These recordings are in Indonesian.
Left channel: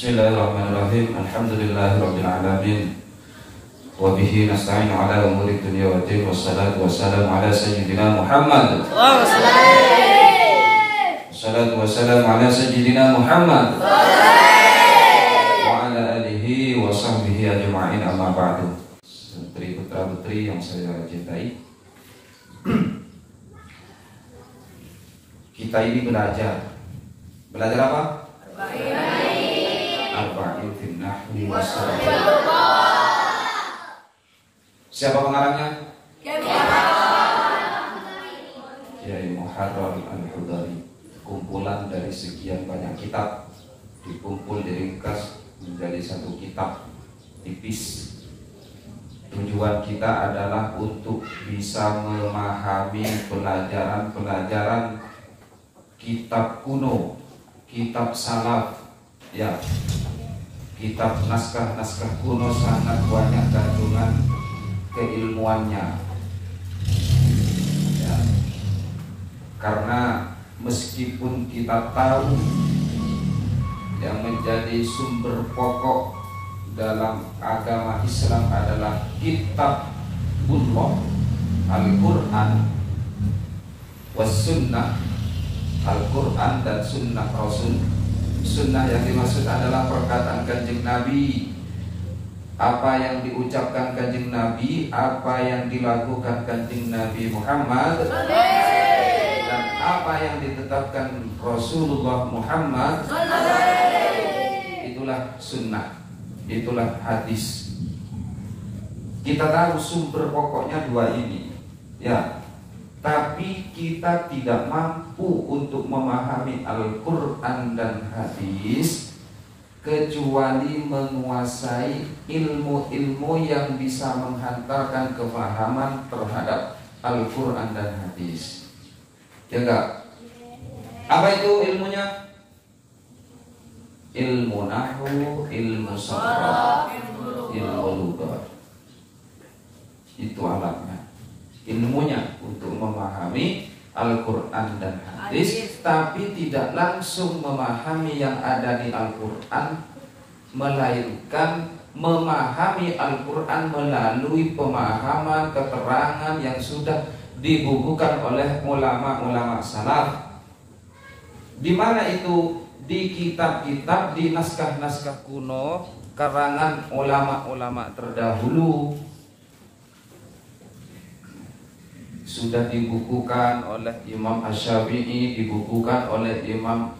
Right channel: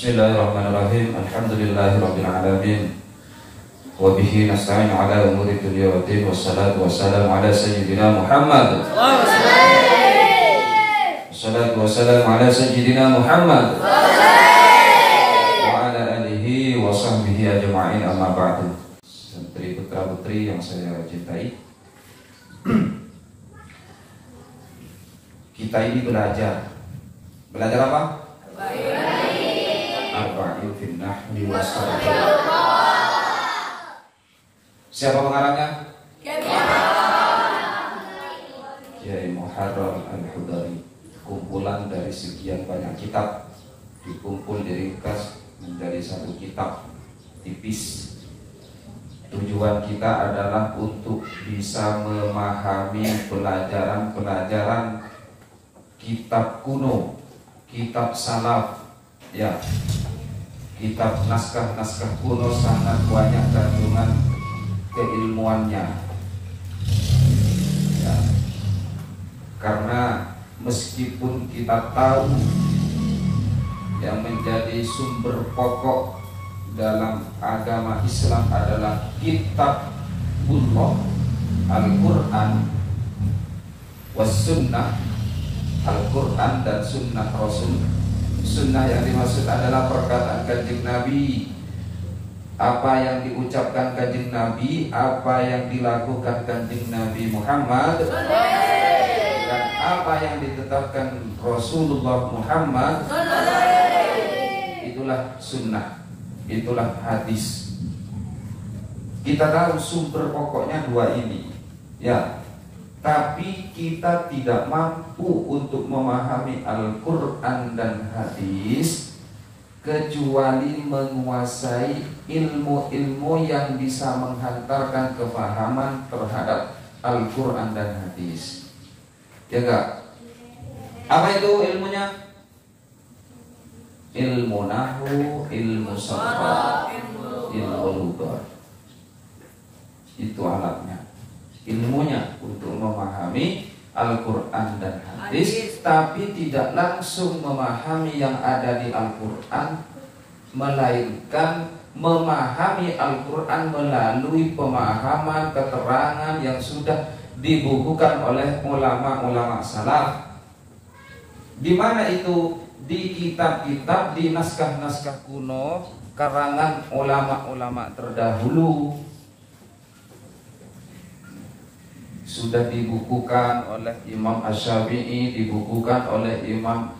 Bismillahirrahmanirrahim. Alhamdulillahirabbil alamin. Wa bihi nasta'in ala umuri dunya waddin. Wassalatu wassalamu ala sayyidina Muhammad. Wassalatu wassalamu ala sayyidina Muhammad wa ala alihi wa sahbihi ajma'in, amma ba'du. Santri putra-putri yang saya cintai, kita ini belajar apa? Arba'in fin nahwi wa sarf. Siapa pengarangnya? Kiai Muharrar Al-Hudari. Kumpulan dari sekian banyak kitab dikumpul diringkas menjadi satu kitab tipis. Tujuan kita adalah untuk bisa memahami pelajaran-pelajaran kitab kuno, kitab salaf, ya, kitab naskah-naskah kuno sangat banyak kandungan keilmuannya, ya. Karena meskipun kita tahu yang menjadi sumber pokok dalam agama Islam adalah kitabullah, Al-Quran was sunnah, Al-Quran dan sunnah Rasul. Sunnah yang dimaksud adalah perkataan Kanjeng Nabi, apa yang diucapkan Kanjeng Nabi, apa yang dilakukan Kanjeng Nabi Muhammad, dan apa yang ditetapkan Rasulullah Muhammad. Itulah sunnah, itulah hadis. Kita tahu sumber pokoknya dua ini, ya. Tapi kita tidak mampu untuk memahami Al-Quran dan hadis kecuali menguasai ilmu-ilmu yang bisa menghantarkan kefahaman terhadap Al-Quran dan hadis. Ya enggak? Apa itu ilmunya? Ilmu nahwu, ilmu sarf, ilmu lughat. Itu alatnya. Ilmunya untuk memahami Al-Quran dan hadis, tapi tidak langsung memahami yang ada di Al-Quran, melainkan memahami Al-Quran melalui pemahaman keterangan yang sudah dibukukan oleh ulama-ulama salaf. Di mana itu? Di kitab-kitab, di naskah-naskah kuno karangan ulama-ulama terdahulu. Sudah dibukukan oleh Imam Asy-Syafi'i, dibukukan oleh Imam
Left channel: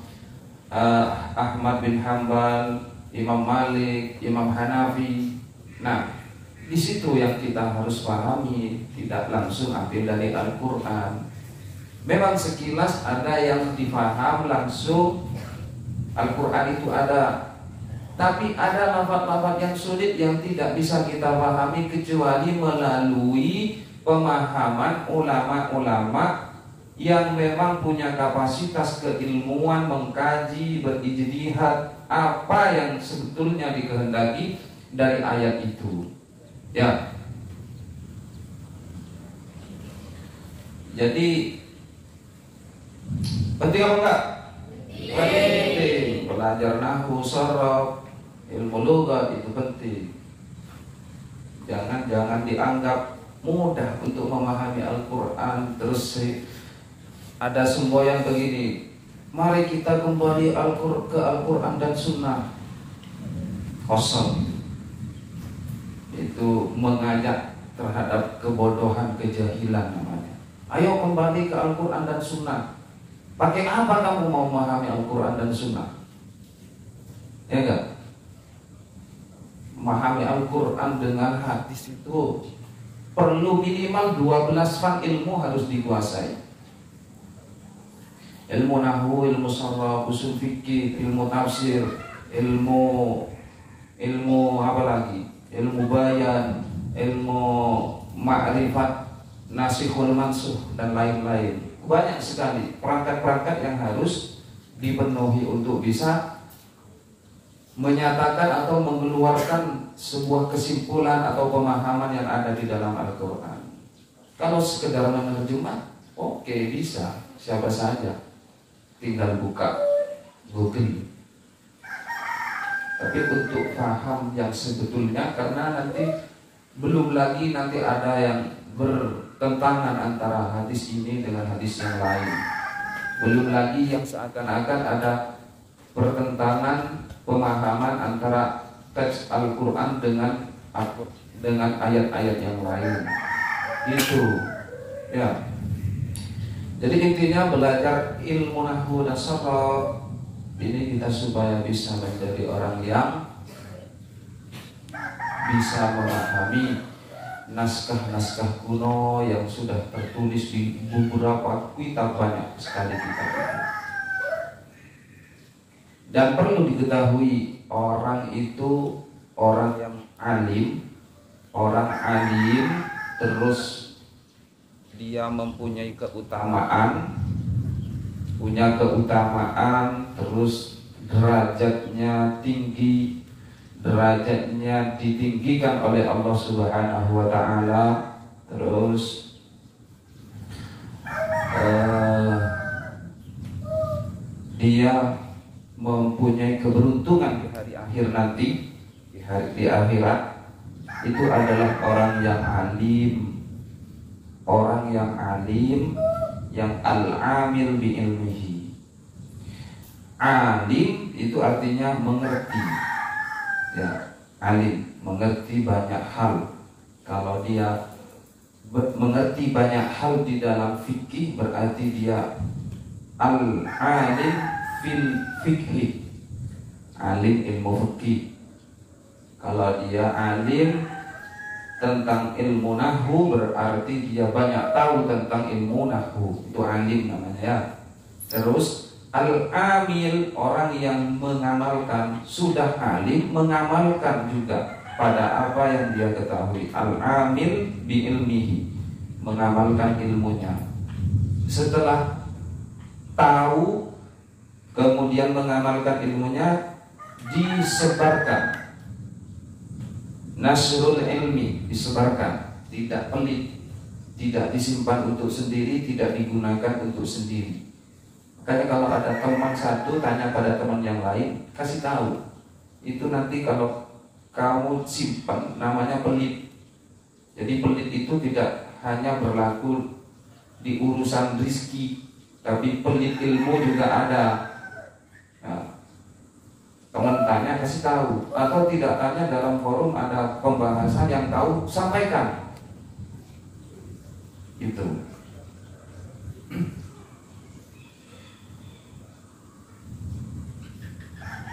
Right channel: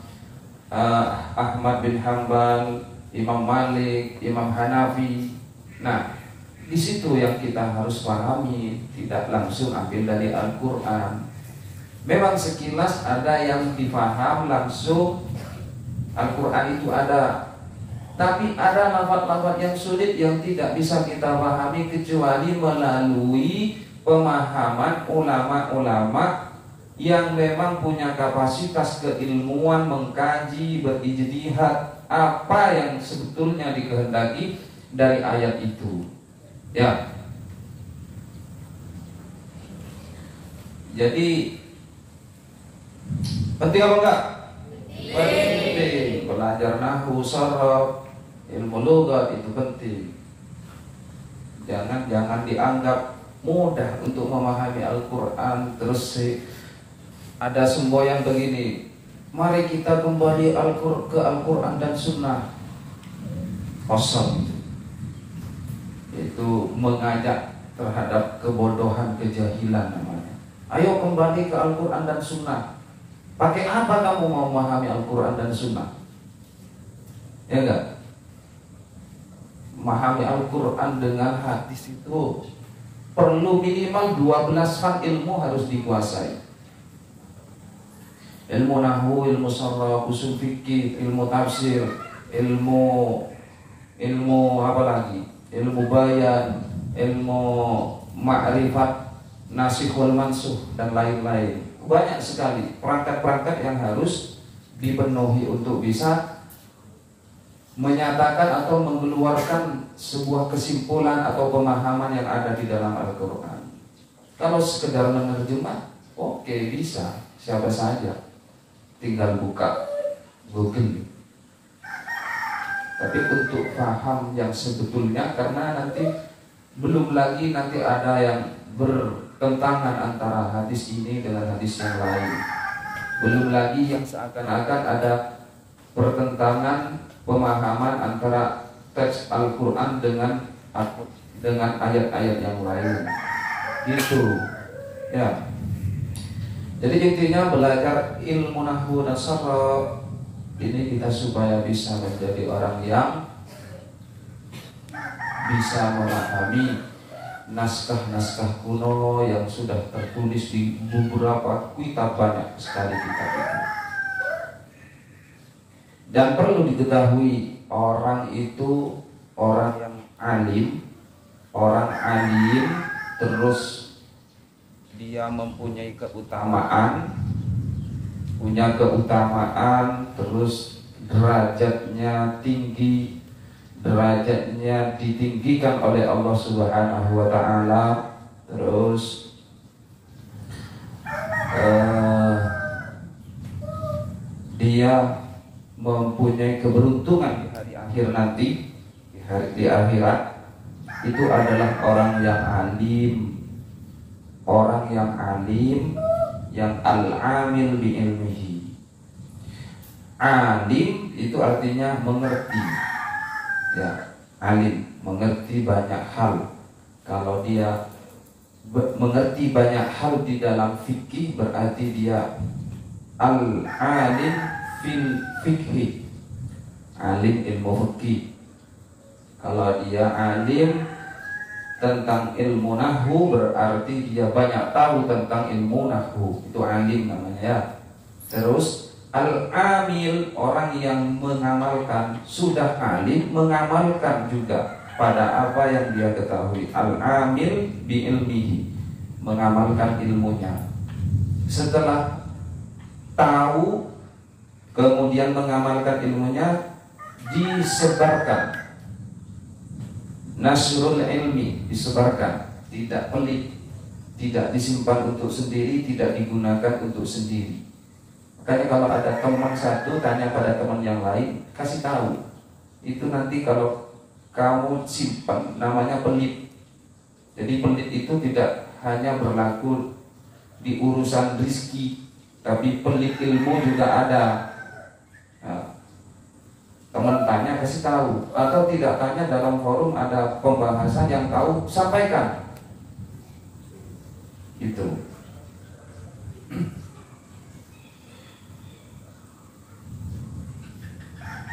Ahmad bin Hanbal, Imam Malik, Imam Hanafi. Nah, di situ yang kita harus pahami, tidak langsung ambil dari Al-Quran. Memang sekilas ada yang difaham langsung, Al-Quran itu ada, tapi ada lafaz-lafaz yang sulit yang tidak bisa kita pahami kecuali melalui pemahaman ulama-ulama yang memang punya kapasitas keilmuan, mengkaji, berijtihad apa yang sebetulnya dikehendaki dari ayat itu, ya. Jadi penting apa enggak? Penting. Belajar nahwu, sarf, ilmu lughat itu penting. Jangan dianggap mudah untuk memahami Al-Quran. Terus ada semboyan begini, mari kita kembali ke Al-Quran dan Sunnah. Kosong. Itu mengajak terhadap kebodohan, kejahilan namanya. Ayo kembali ke Al-Quran dan Sunnah. Pakai apa kamu mau memahami Al-Quran dan Sunnah? Ya enggak? Memahami Al-Quran dengan hadis itu perlu minimal 12 fan ilmu harus dikuasai. Ilmu nahwu, ilmu sarf, usul fikih, ilmu tafsir, ilmu apa lagi? Ilmu bayan, ilmu ma'rifat, nasikhul mansukh dan lain-lain. Banyak sekali perangkat-perangkat yang harus dipenuhi untuk bisa menyatakan atau mengeluarkan sebuah kesimpulan atau pemahaman yang ada di dalam Al-Quran. Kalau sekedar menerjemah, oke, bisa, siapa saja tinggal buka Google. Tapi untuk paham yang sebetulnya, karena nanti belum lagi nanti ada yang bertentangan antara hadis ini dengan hadis yang lain. Belum lagi yang seakan-akan ada pertentangan pemahaman antara teks Al-Quran dengan ayat-ayat yang lain. Gitu. Ya. Jadi intinya belajar ilmu nahwu dan sharaf ini kita supaya bisa menjadi orang yang bisa memahami naskah-naskah kuno yang sudah tertulis di beberapa kitab, banyak sekali kitab itu. Dan perlu diketahui, orang itu orang yang alim, terus dia mempunyai keutamaan, terus derajatnya tinggi, derajatnya ditinggikan oleh Allah Subhanahu wa taala, terus dia mempunyai keberuntungan di hari akhir nanti, di akhirat. Itu adalah orang yang alim, yang al-amil bi ilmihi. Alim itu artinya mengerti. Ya, alim mengerti banyak hal. Kalau dia mengerti banyak hal di dalam fikih, berarti dia al-alim fil fikih, alim ilmu fikih. Kalau dia alim tentang ilmu nahwu, berarti dia banyak tahu tentang ilmu nahwu. Itu alim namanya ya. Terus al-amil, orang yang mengamalkan, sudah alim mengamalkan juga pada apa yang dia ketahui. Al-amil bi ilmihi, mengamalkan ilmunya. Setelah tahu kemudian mengamalkan ilmunya, disebarkan. Nasrul ilmi, disebarkan, tidak pelit, tidak disimpan untuk sendiri, tidak digunakan untuk sendiri. Makanya kalau ada teman satu tanya pada teman yang lain, kasih tahu. Itu nanti kalau kamu simpan, namanya pelit. Jadi pelit itu tidak hanya berlaku di urusan rizki, tapi pelit ilmu juga ada. Nah, teman tanya, kasih tahu. Atau tidak tanya, dalam forum ada pembahasan yang tahu, sampaikan. Itu.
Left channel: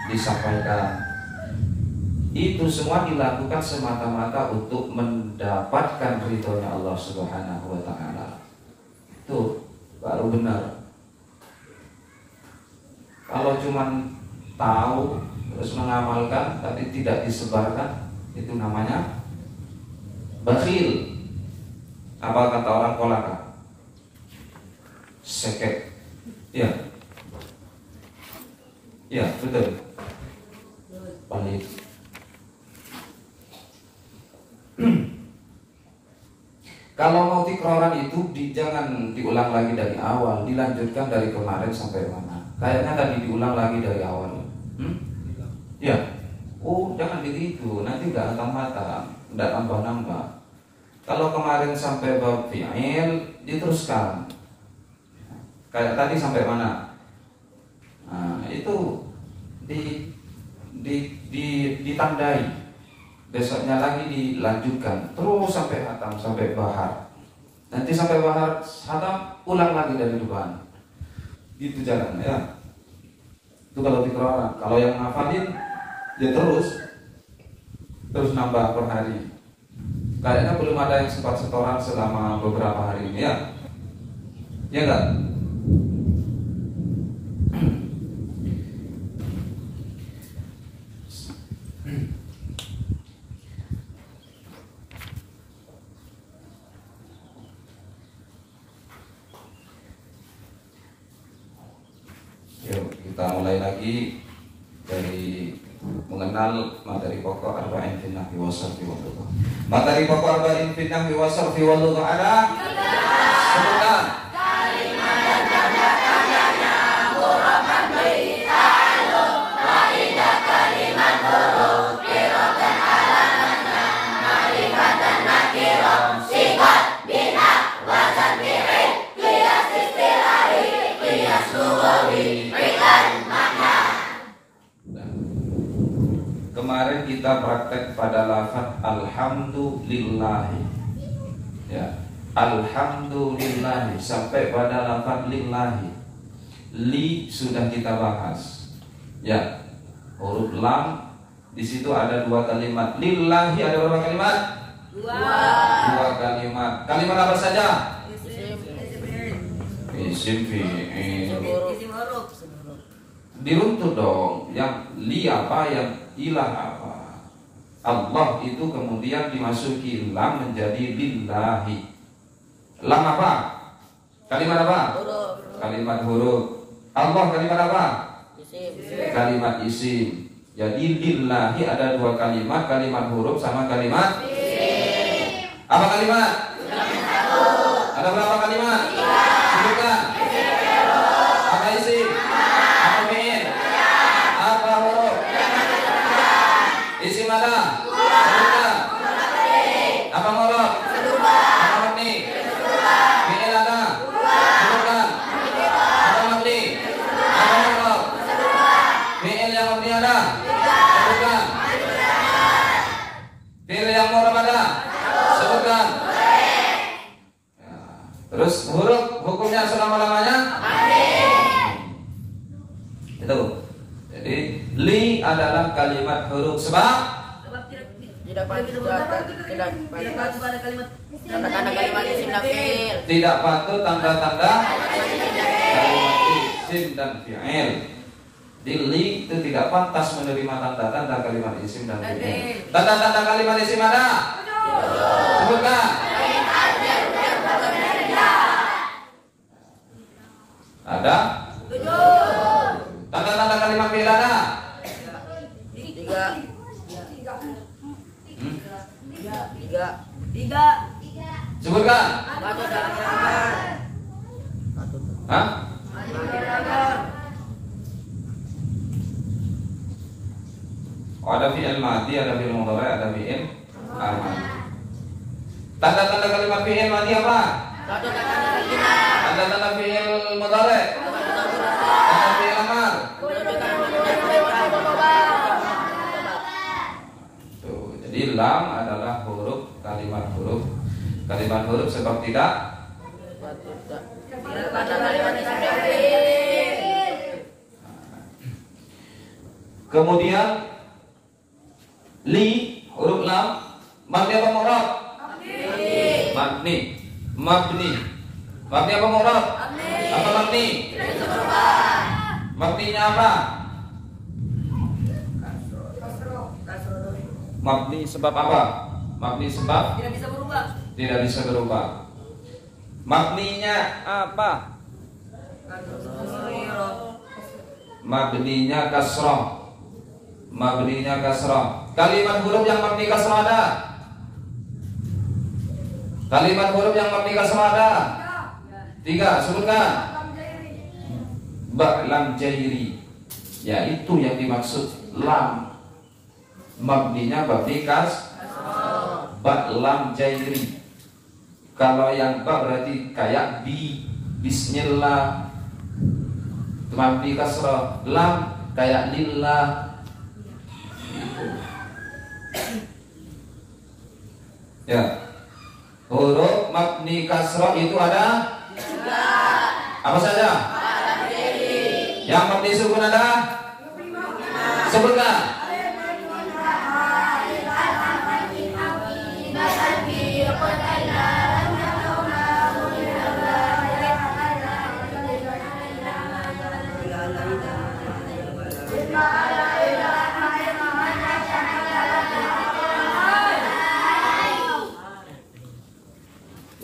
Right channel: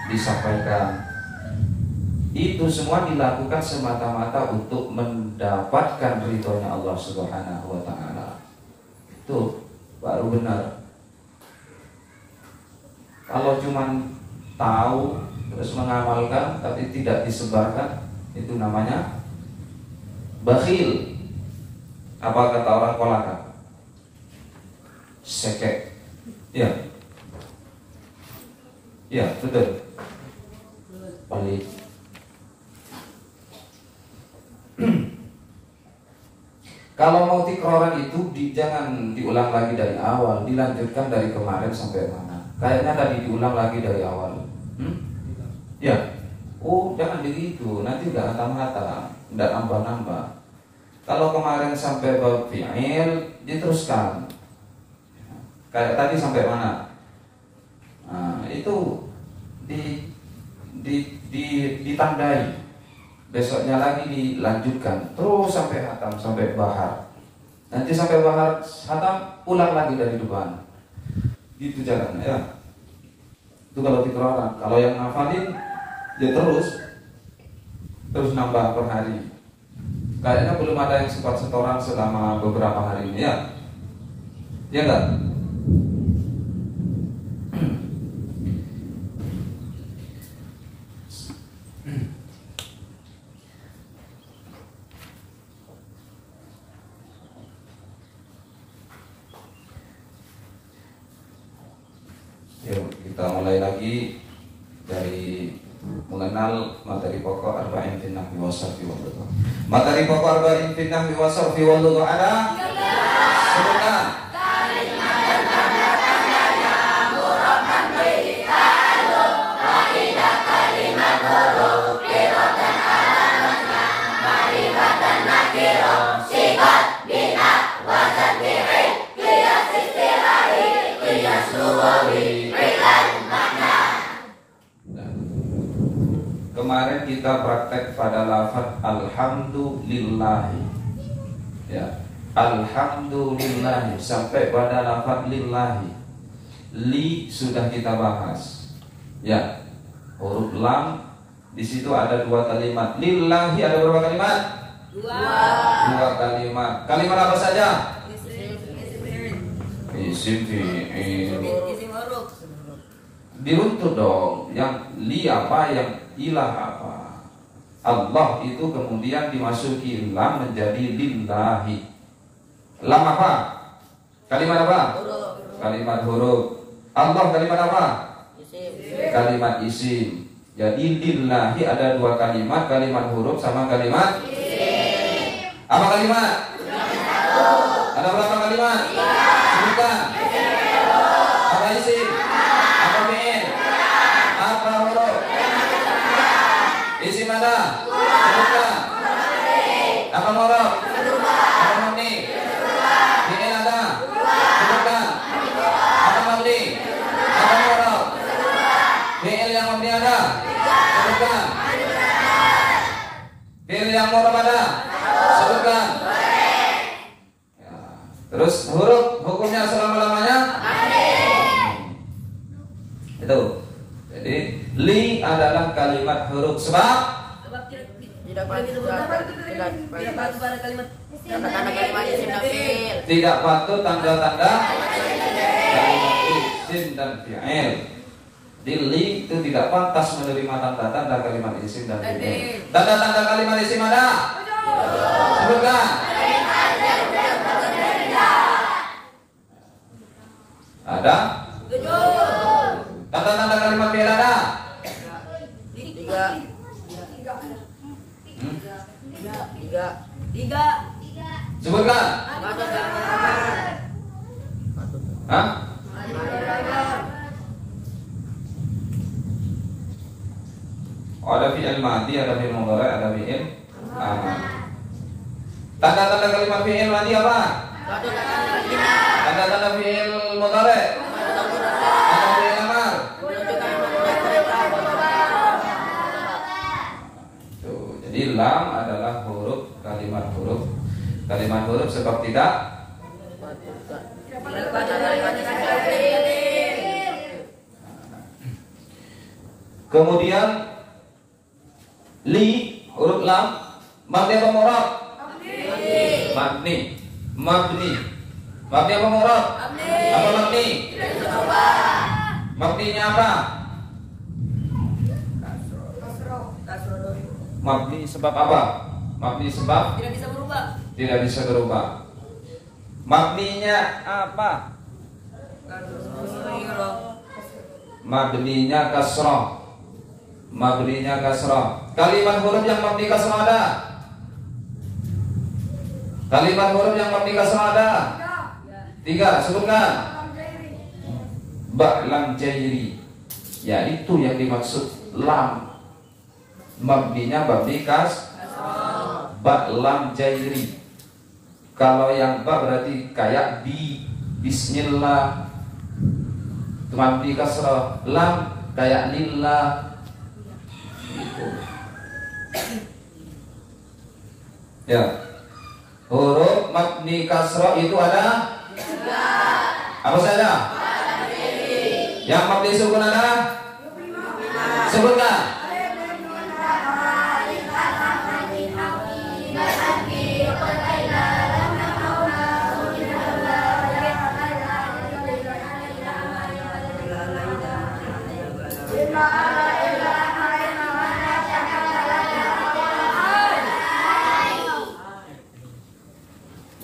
Disampaikan. Itu semua dilakukan semata-mata untuk mendapatkan ridhonya Allah Subhanahu wa taala. Itu baru benar. Kalau cuman tahu terus mengamalkan tapi tidak disebarkan, itu namanya bakhil. Apa kata orang Kolaka? Sekek. Ya. Ya, betul. Pelit. Kalau mau tikroran itu jangan diulang lagi dari awal, dilanjutkan dari kemarin sampai mana. Kayaknya tadi diulang lagi dari awal. Ya. Oh, jangan begitu. Nanti nggak mata, nggak nambah-nambah. Kalau kemarin sampai bab fi'il, diteruskan. Kayak tadi sampai mana? Nah, itu ditandai. Besoknya lagi dilanjutkan terus sampai hatam, sampai bahar. Nanti sampai bahar hatam, ulang lagi dari depan. Gitu jalannya ya. Itu kalau dikeluarkan. Kalau yang ngafalin ya terus nambah per hari. Kayaknya belum ada yang sempat setoran selama beberapa hari ini ya. Ya enggak? Yuk kita mulai lagi dari mengenal materi pokok arba'in fi nahwi wa sarfi wal lugha. Materi pokok arba'in fi nahwi wa sarfi wal lugha ada sebutan kalimat jam'atan yang murabban bi ta'alluq wa ila kalimat Kemarin kita praktek pada lafaz alhamdulillahi, ya, alhamdulillahi sampai pada lafaz lillahi. Li sudah kita bahas, ya, huruf lam di situ ada dua kalimat. Lillahi ada berapa kalimat? Dua kalimat. Kalimat apa saja? Isim fi'il. Diruntut dong. Yang li apa, yang ilah apa. Allah itu kemudian dimasuki lam menjadi lillahi. Lam apa? Kalimat apa? Kalimat huruf. Allah kalimat apa? Kalimat isim. Jadi lillahi ada dua kalimat, kalimat huruf sama kalimat isim. Apa kalimat? Ada berapa kalimat? Sebutkan. Apa isim? Apa fi'il? Apa huruf? Isim ada? Sebutkan. Apa huruf? Apa mabni? Fi'il ada? Sebutkan. Apa mabni? Apa huruf? Fi'il yang mabni ada? Sebutkan. Fi'il yang huruf ada? Sebutkan. Terus huruf hukumnya selama-lamanya? Itu. Jadi li adalah kalimat huruf sebab tidak patut pada kalimat tanda-tanda kalimat isim dan fi'il. Tidak patut tanda-tanda kalimat isim dan fi'il. Di li itu tidak pantas menerima tanda-tanda kalimat isim dan fi'il. Tanda-tanda kalimat isim ada? Sebutkan. Ada? Tanda-tanda kalimat fi'il ada? Tiga. Sebutkan. Hah? Oh, ada fi'il madi, ada fi'il mudhari, ada fi'il amali. Tanda-tanda kalimat fi'il madi apa? Tanda-tanda fi'il mudhari. Ada fi'il amar. Tuh, jadi lam adalah huruf kalimat huruf. Kalimat huruf sebab tidak kemudian li huruf lam mabni apa mu'rab? Mabni. Mabni apa mu'rab? Apa mabni? Mabninya apa? Mabni sebab apa? Mabni sebab Tidak bisa berubah. tidak bisa berubah. Mabninya apa? Mabninya kasrah. Mabninya kasrah. Kalimat huruf yang mabni kasrah ada? Kalimat huruf yang mabni kasrah ada? Tiga, sebutkan. Ba lam jairi. Ya, itu yang dimaksud lam. Mabninya mabni kasrah. Ba lam jairi. Kalau yang ba berarti kayak bismillah. Mabni kasrah. Lam kayak lillah. Ya, huruf mabni kasrah itu ada apa saja? Yang mabni sukun ada? Sebutkan.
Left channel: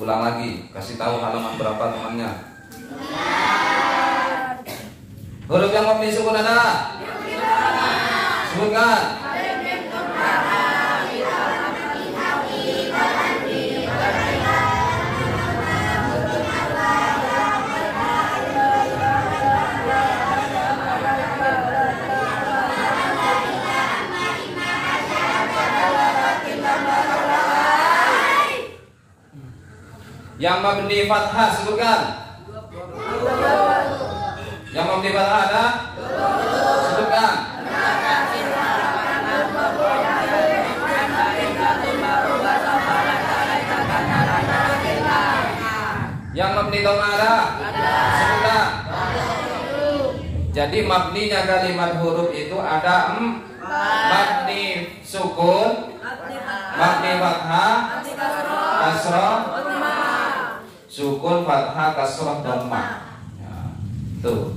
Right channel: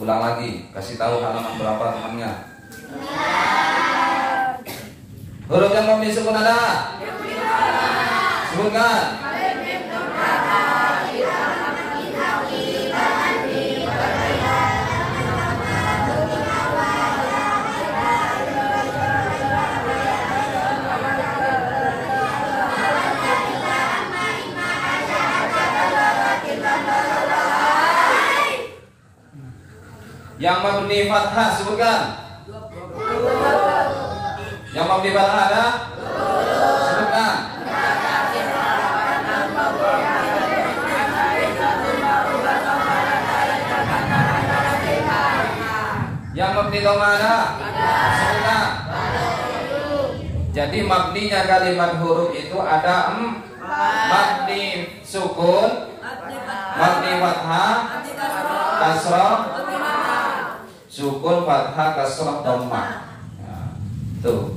Ulang lagi, kasih tahu halaman berapa temannya. Huruf yang mabni sukun ada? Sebutkan. Yang mabni fathah sebutkan. Yang mabni fathah ada? Sebutkan. Yang mabni dhamma ada? Sebutkan. Jadi mabninya kalimat huruf itu ada mabni sukun, mabni fathah, kasrah, sukun, fathah, kasrah, dhamma. Nah, tuh.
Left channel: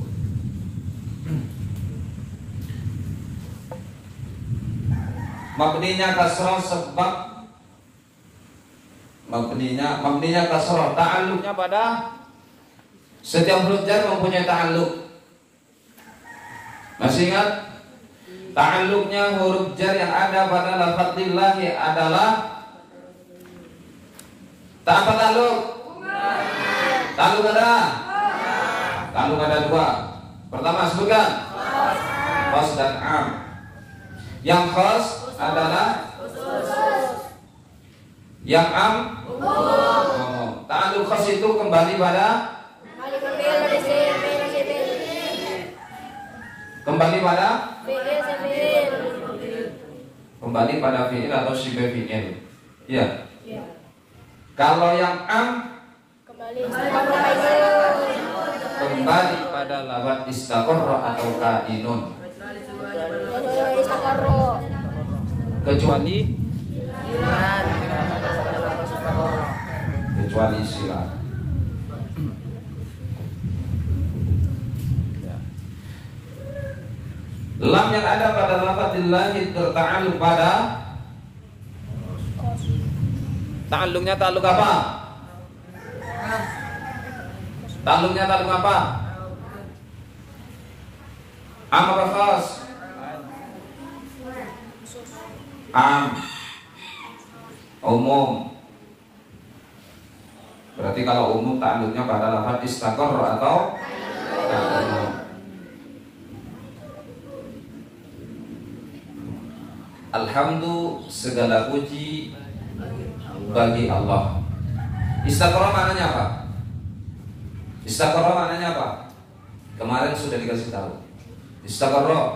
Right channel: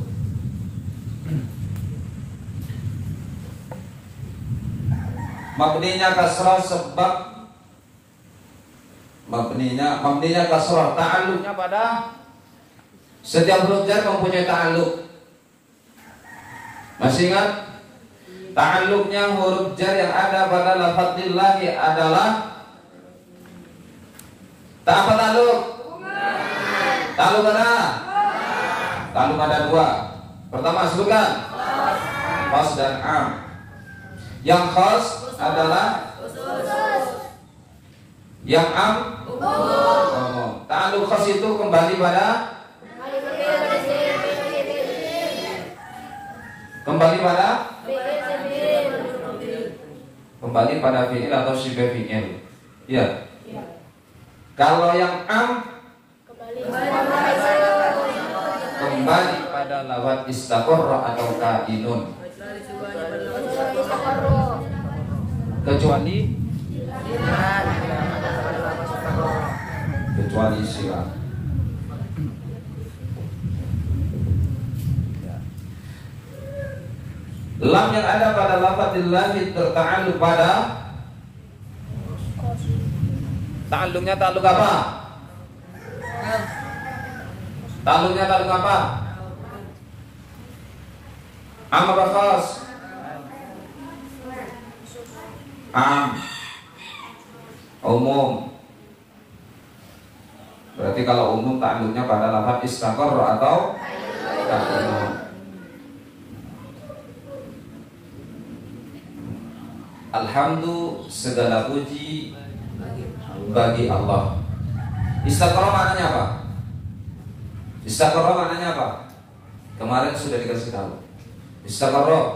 Mabninya kasrah sebab mabninya kasrah, ta'alluqnya pada setiap huruf jar mempunyai ta'alluq. Masih ingat? Ta'alluqnya huruf jar yang ada pada lafadzillahi adalah tak apa ta'alluq? Ta'alluq ada? Ta'alluq ada dua. Pertama sebutkan khas dan am. Yang khas adalah yang am umum. Ta'alluq khas itu kembali pada fi'il atau syibe fi'il. Iya. Kalau yang am kembali pada lafaz istaqarra atau kainun. Kecuali sila. Lam yang ada pada lafadzillahi terta'alluq pada ta'alluqnya ta'alluq apa? Ta'alluqnya ta'alluq apa? Am apa khas? Am. Umum. Berarti kalau umum ta'alluqnya pada lafaz istaqarra atau kainun. Alhamdulillah, segala puji bagi Allah. Istaqarra maknanya apa? Istaqarra maknanya apa? Kemarin sudah dikasih tahu. Istaqarra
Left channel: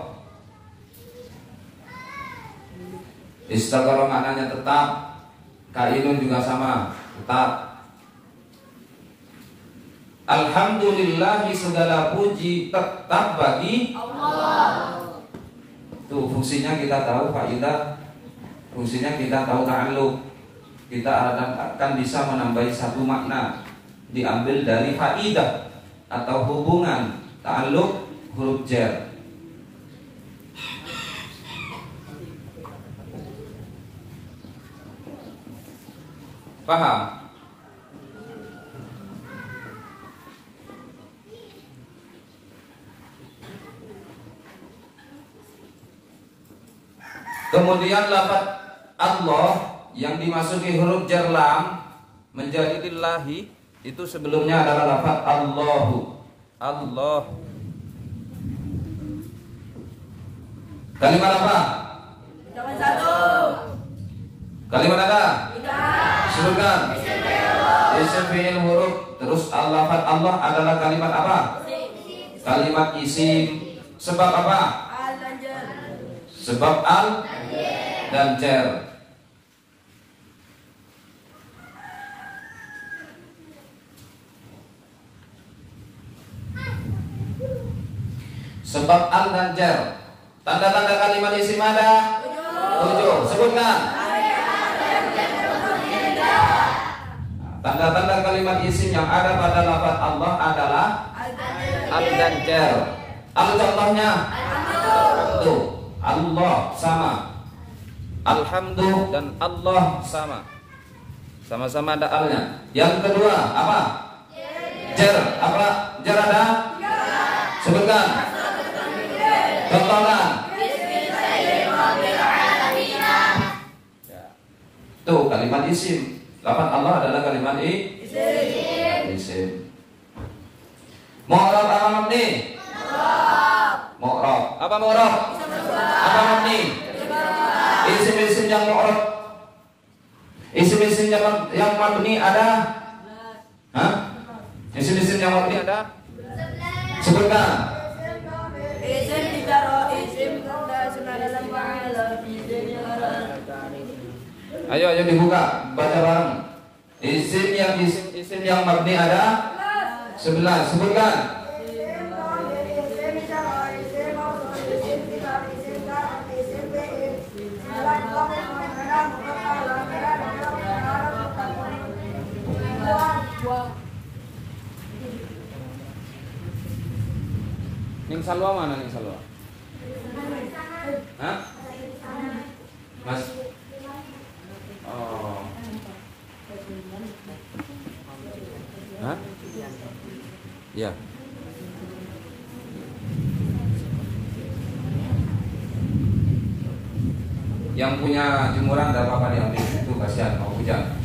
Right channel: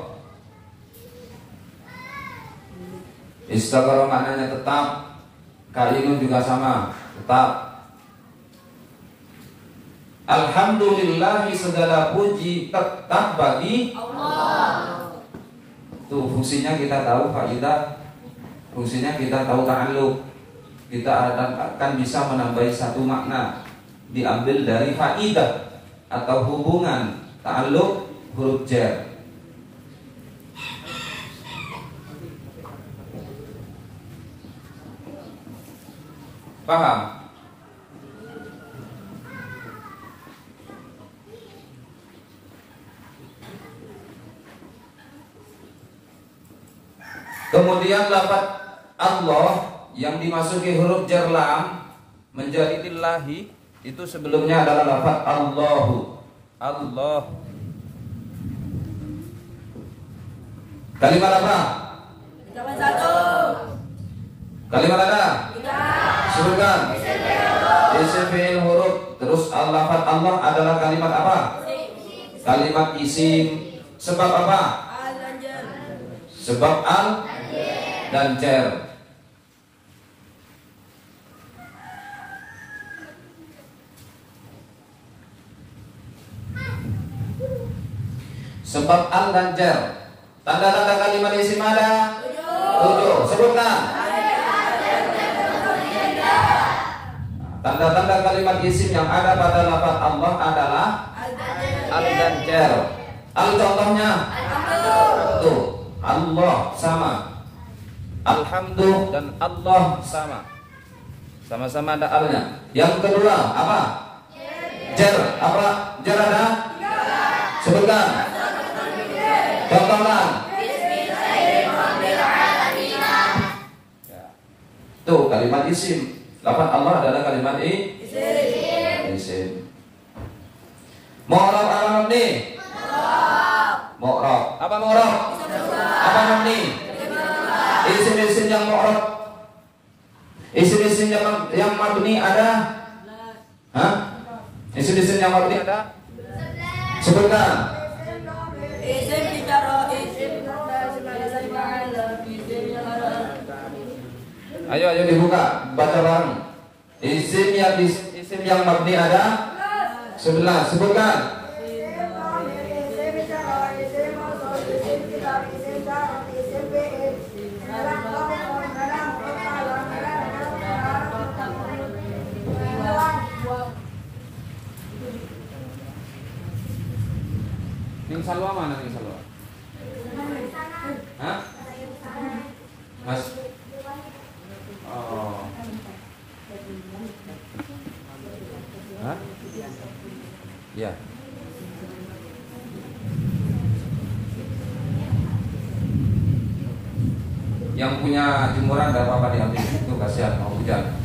maknanya tetap. Kainun juga sama, tetap. Alhamdulillah, segala puji tetap bagi Allah. Tuh fungsinya kita tahu faidah, fungsinya kita tahu ta'alluq. Kita akan bisa menambahi satu makna diambil dari faidah atau hubungan ta'alluq huruf jar. Paham? Kemudian lafaz Allah yang dimasuki huruf jar lam menjadi lillahi itu sebelumnya adalah lafaz Allahu. Allah. Kalimat apa? Kalimat satu. Kalimat ada? Tidak. Sebutkan. Isim fi'il huruf. Terus lafaz Allah adalah kalimat apa? Kalimat isim. Sebab apa? Al dan jar. Sebab al dan jar. Sebab al dan jar. Tanda-tanda kalimat isim ada 7. Sebutkan. Tanda-tanda kalimat isim yang ada pada lafaz Allah adalah al dan jar. Al contohnya tuh, Allah sama. Alhamdulillah dan Allah sama. Sama-sama ada alnya. Yang kedua apa? Jar. Apa? Jar ada? Sebutkan. Contohkan. Tuh kalimat isim. Lafaz Allah adalah kalimat isim. Mu'rab apa mabni? Mu'rab. Apa mu'rab? Apa mabni? Isim-isim yang mu'rab. Isim-isim yang mabni ada Isim-isim yang mabni ada? Sebutkan. Isim ditaruh, isim fa'ala, isim yang ada. Ayo dibuka, baca bareng. Isim yang mabni ada 11. Sebutkan. Ning Salwa mana Ning Salwa? Hah? Mas. Oh. Hah? Ya. Yang punya jemuran ada apa diambil itu kasihan mau hujan.